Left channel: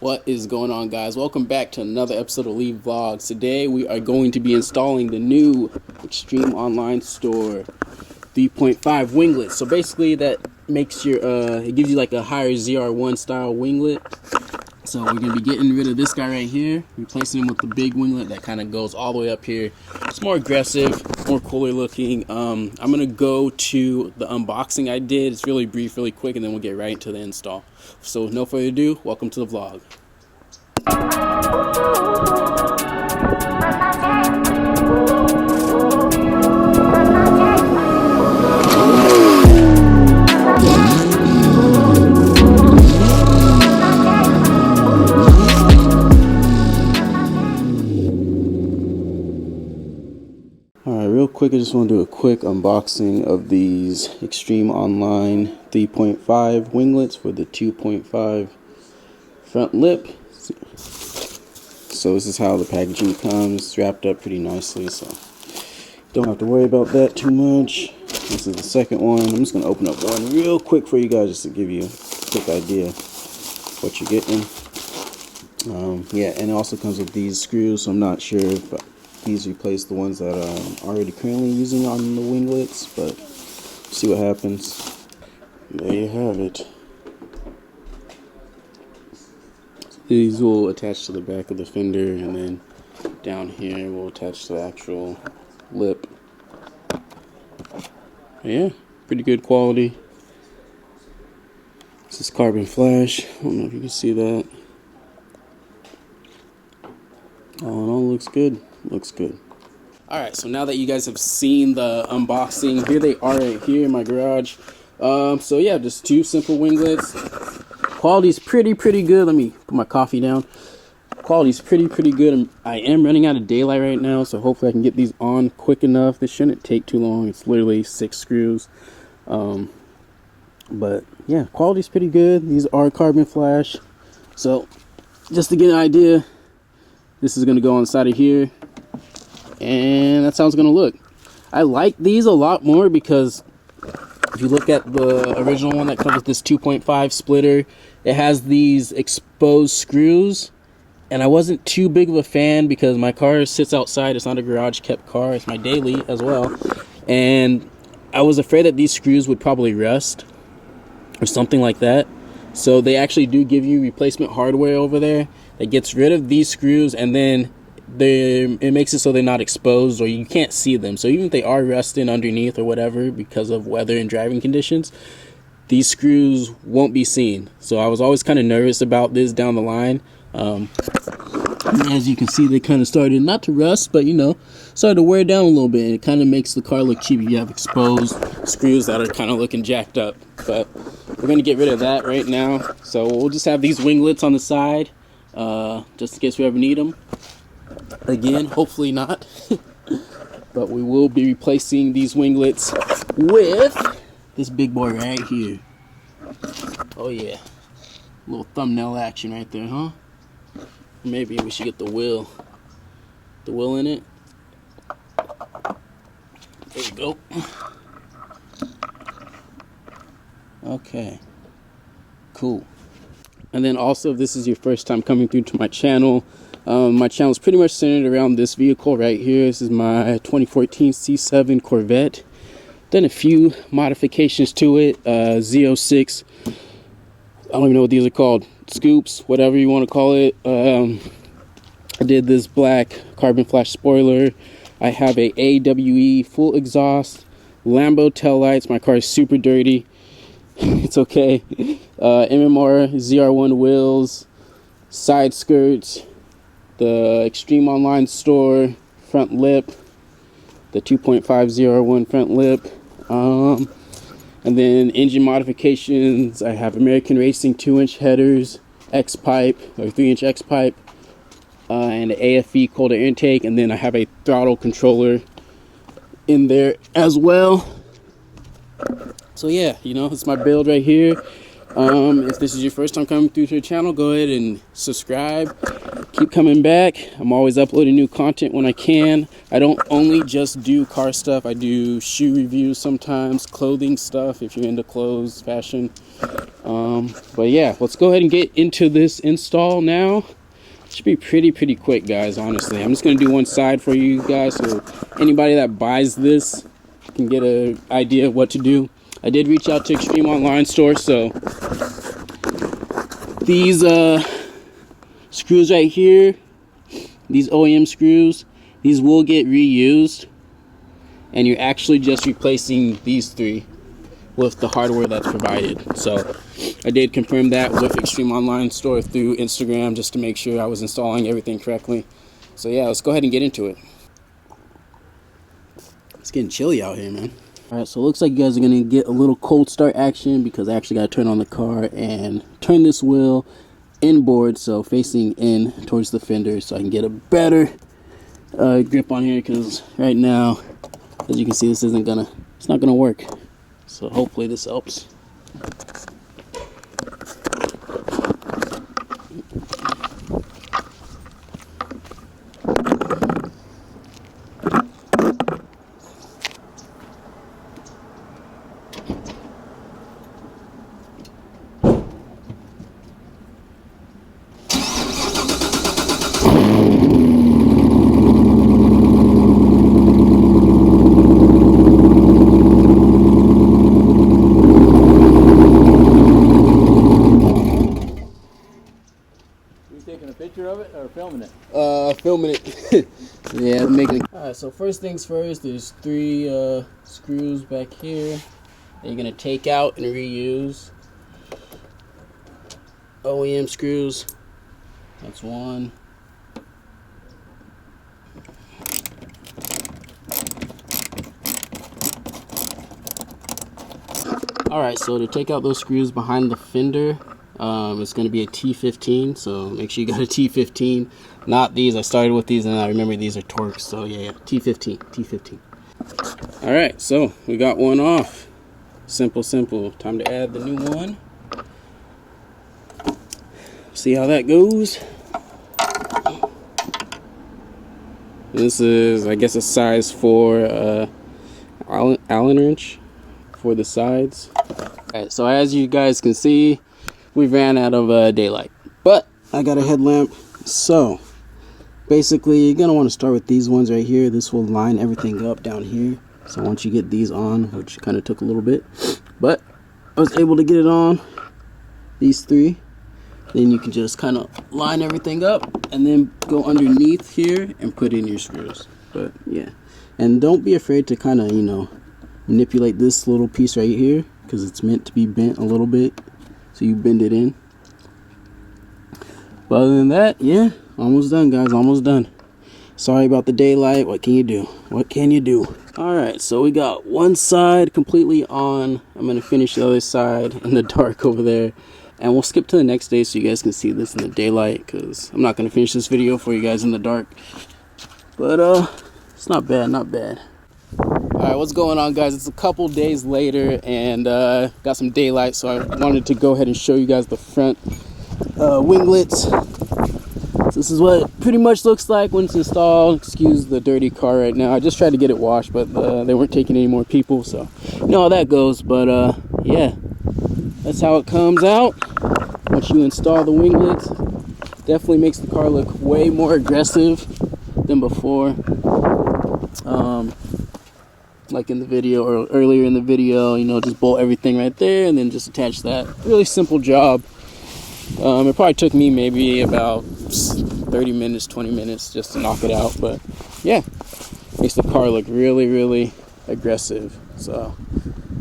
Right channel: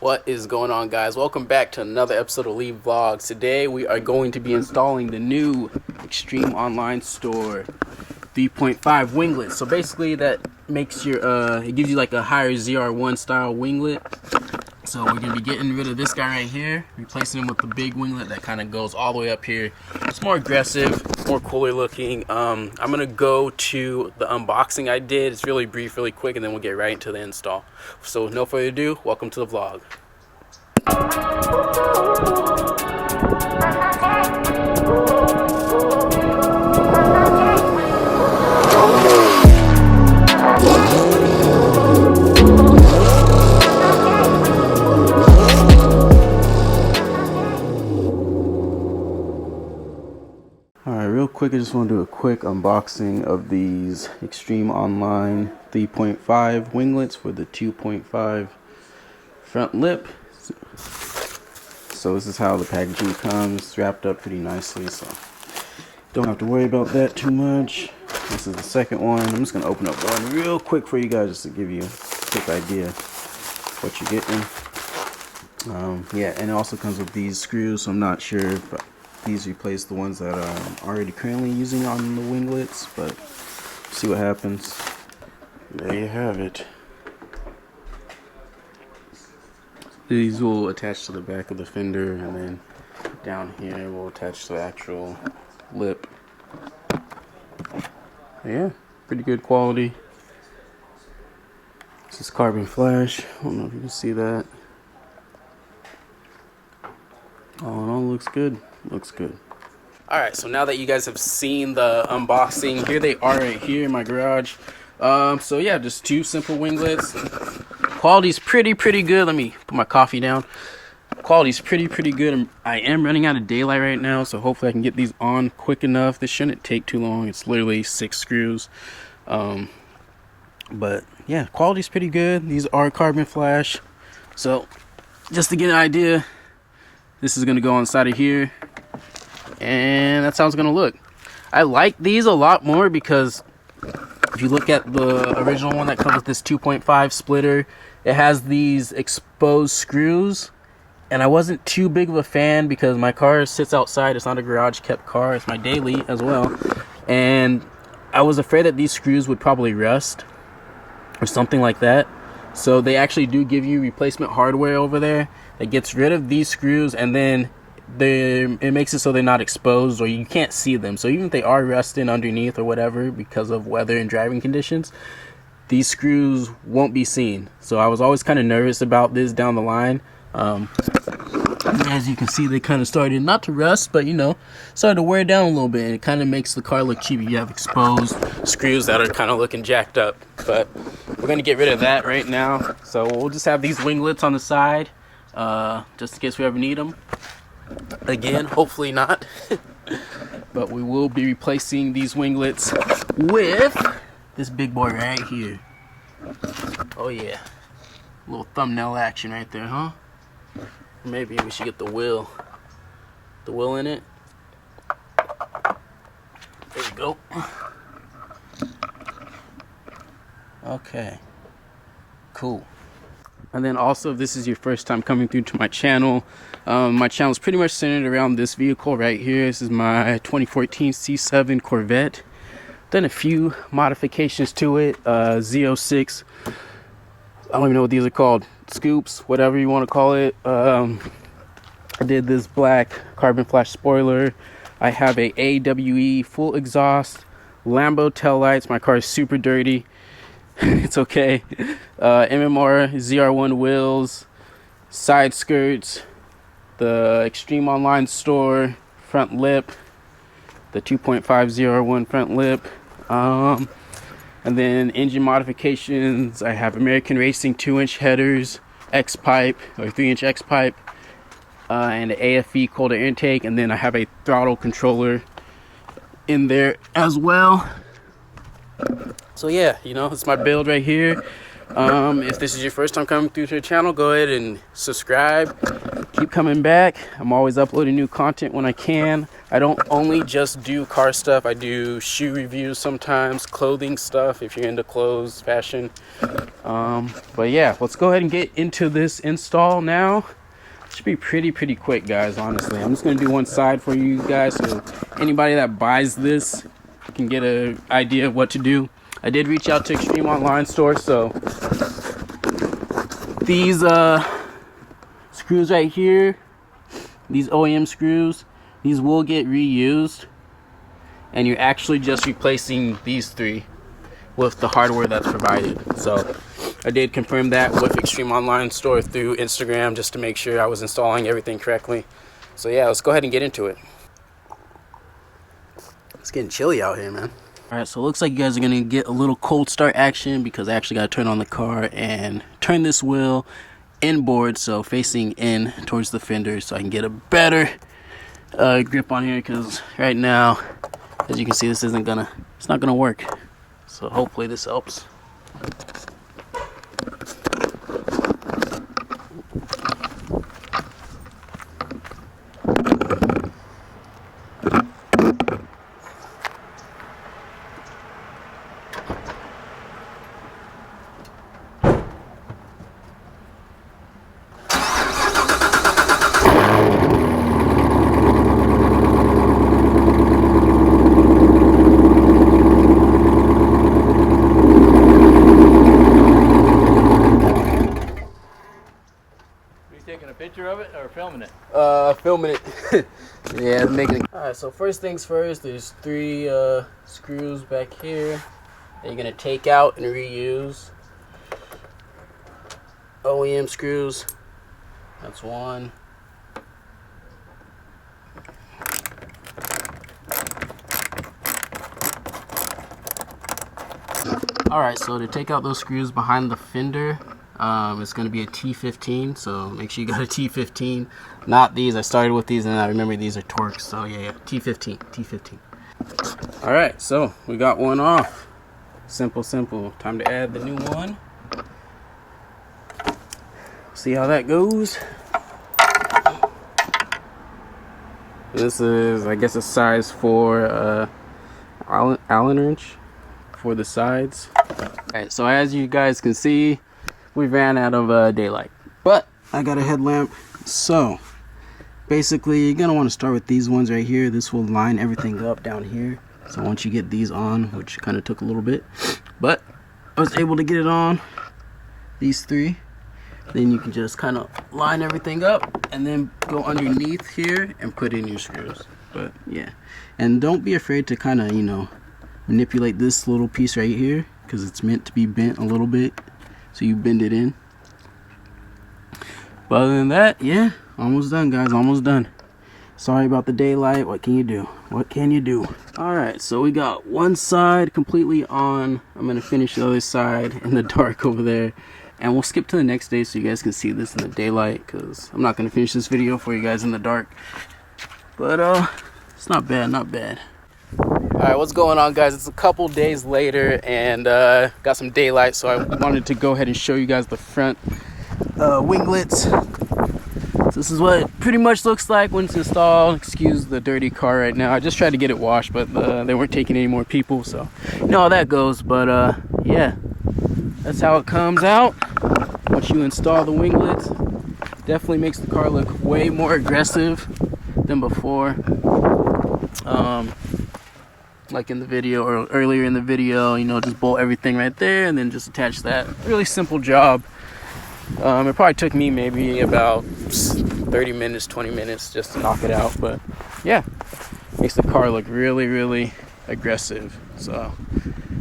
What is going on, guys? Welcome back to another episode of Lee Vlogs. Today we are going to be installing the new Extreme Online Store 3.5 winglet. So basically that makes your it gives you like a higher ZR1 style winglet. So we're gonna be getting rid of this guy right here, replacing him with the big winglet that kind of goes all the way up here. It's more aggressive, more cooler looking. I'm gonna go to the unboxing I did. It's really brief, really quick, and then we'll get right into the install. So with no further ado, welcome to the vlog. Alright, real quick, I just want to do a quick unboxing of these Extreme Online 3.5 winglets for the 2.5 front lip. So this is how the packaging comes, wrapped up pretty nicely, so don't have to worry about that too much. This is the second one. I'm just going to open up one real quick for you guys just to give you a quick idea what you're getting. Yeah, and it also comes with these screws, so I'm not sure if these replace the ones that I'm already currently using on the winglets, but see what happens. There you have it. These will attach to the back of the fender, and then down here will attach to the actual lip. Yeah, pretty good quality. This is carbon flash. I don't know if you can see that. All in all, looks good. Looks good. Alright, so now that you guys have seen the unboxing, here they are right here in my garage. So yeah, just two simple winglets. Quality's pretty good. Let me put my coffee down. Quality's pretty good. I am running out of daylight right now, so hopefully I can get these on quick enough. This shouldn't take too long. It's literally 6 screws. But yeah, quality's pretty good. These are carbon flash. So just to get an idea, this is gonna go on the side of here, and that's how it's gonna look. I like these a lot more because if you look at the original one that comes with this 2.5 splitter, it has these exposed screws, and I wasn't too big of a fan because my car sits outside. It's not a garage kept car, it's my daily as well, and I was afraid that these screws would probably rust or something like that. So they actually do give you replacement hardware over there that gets rid of these screws, and then it makes it so they're not exposed or you can't see them. So even if they are rusting underneath or whatever because of weather and driving conditions, these screws won't be seen. So I was always kind of nervous about this down the line. As you can see, they kind of started not to rust, but you know, started to wear down a little bit. It kind of makes the car look cheap if you have exposed screws that are kind of looking jacked up. But we're gonna get rid of that right now. So we'll just have these winglets on the side, just in case we ever need them. Again, hopefully not. But we will be replacing these winglets with this big boy right here. Oh yeah, a little thumbnail action right there, huh? Maybe we should get the wheel in it. There we go. Okay, cool. And then also, if this is your first time coming through to my channel is pretty much centered around this vehicle right here. This is my 2014 C7 Corvette. Done a few modifications to it. Z06, I don't even know what these are called, scoops, whatever you want to call it. I did this black carbon flash spoiler. I have a AWE full exhaust, Lambo taillights. My car is super dirty. It's okay. MMR ZR1 wheels, side skirts, the Extreme Online Store front lip, the 2.5 ZR1 front lip, and then engine modifications. I have American Racing 2-inch headers, X-pipe or 3-inch X-pipe, and an AFE cold air intake, and then I have a throttle controller in there as well. So yeah, you know, it's my build right here. If this is your first time coming through to the channel, go ahead and subscribe. Keep coming back. I'm always uploading new content when I can. I don't only just do car stuff. I do shoe reviews sometimes, clothing stuff if you're into clothes, fashion. But yeah, let's go ahead and get into this install now. Should be pretty quick, guys, honestly. I'm just gonna do one side for you guys so anybody that buys this can get an idea of what to do. I did reach out to Extreme Online Store, so these screws right here, these OEM screws, these will get reused, and you're actually just replacing these three with the hardware that's provided. So I did confirm that with Extreme Online Store through Instagram just to make sure I was installing everything correctly. So yeah, let's go ahead and get into it. It's getting chilly out here, man. Alright, so it looks like you guys are going to get a little cold start action because I actually got to turn on the car and turn this wheel inboard, so facing in towards the fender, so I can get a better grip on here, because right now, as you can see, this isn't gonna, it's not gonna work. So hopefully this helps. Taking a picture of it or filming it? Filming it. Yeah, making it. Alright, so first things first, there's three screws back here that you're gonna take out and reuse. OEM screws. That's one. Alright, so to take out those screws behind the fender, it's going to be a T15, so make sure you got a T15, not these. I started with these and I remember these are Torx, so yeah, T15. Alright, so we got one off. Simple. Time to add the new one. See how that goes. And this is, I guess, a size 4 Allen wrench for the sides. Alright, so as you guys can see, we ran out of daylight, but I got a headlamp. So basically you're gonna want to start with these ones right here. This will line everything up down here. So once you get these on, which kind of took a little bit, but I was able to get it on, these three, then you can just kind of line everything up and then go underneath here and put in your screws. But yeah, and don't be afraid to kind of, you know, manipulate this little piece right here, because it's meant to be bent a little bit. So you bend it in. But other than that, yeah, almost done, guys, almost done. Sorry about the daylight. What can you do? What can you do? Alright, so we got one side completely on. I'm going to finish the other side in the dark over there. And we'll skip to the next day so you guys can see this in the daylight, because I'm not going to finish this video for you guys in the dark. But it's not bad, not bad. Alright, what's going on, guys? It's a couple days later and got some daylight, so I wanted to go ahead and show you guys the front winglets. So this is what it pretty much looks like when it's installed. Excuse the dirty car right now. I just tried to get it washed, but they weren't taking any more people, so you know how that goes. But yeah, that's how it comes out once you install the winglets. Definitely makes the car look way more aggressive than before. Like in the video or earlier in the video, you know, just bolt everything right there and then just attach that. Really simple job. It probably took me maybe about 30 minutes, 20 minutes just to knock it out, but yeah, makes the car look really aggressive. So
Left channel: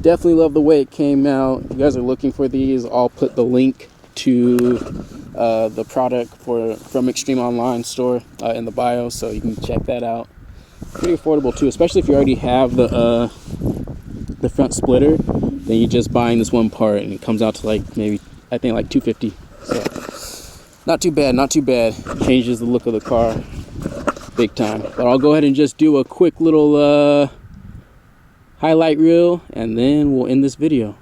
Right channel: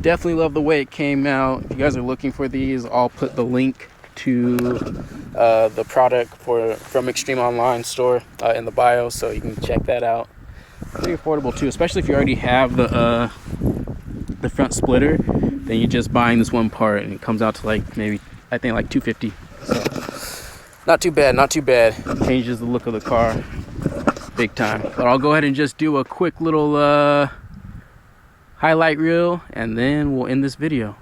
definitely love the way it came out. If you guys are looking for these, I'll put the link to the product from Extreme Online Store in the bio, so you can check that out. Pretty affordable too, especially if you already have the front splitter. Then you're just buying this one part and it comes out to like maybe, I think, like $250. So not too bad. Changes the look of the car big time. But I'll go ahead and just do a quick little highlight reel and then we'll end this video.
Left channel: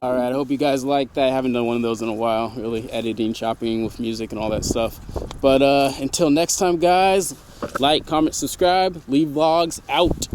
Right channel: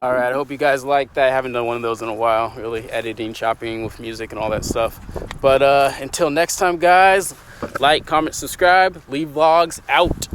All right, I hope you guys liked that. I haven't done one of those in a while, really editing, chopping with music and all that stuff. But until next time, guys, like, comment, subscribe, leave vlogs out.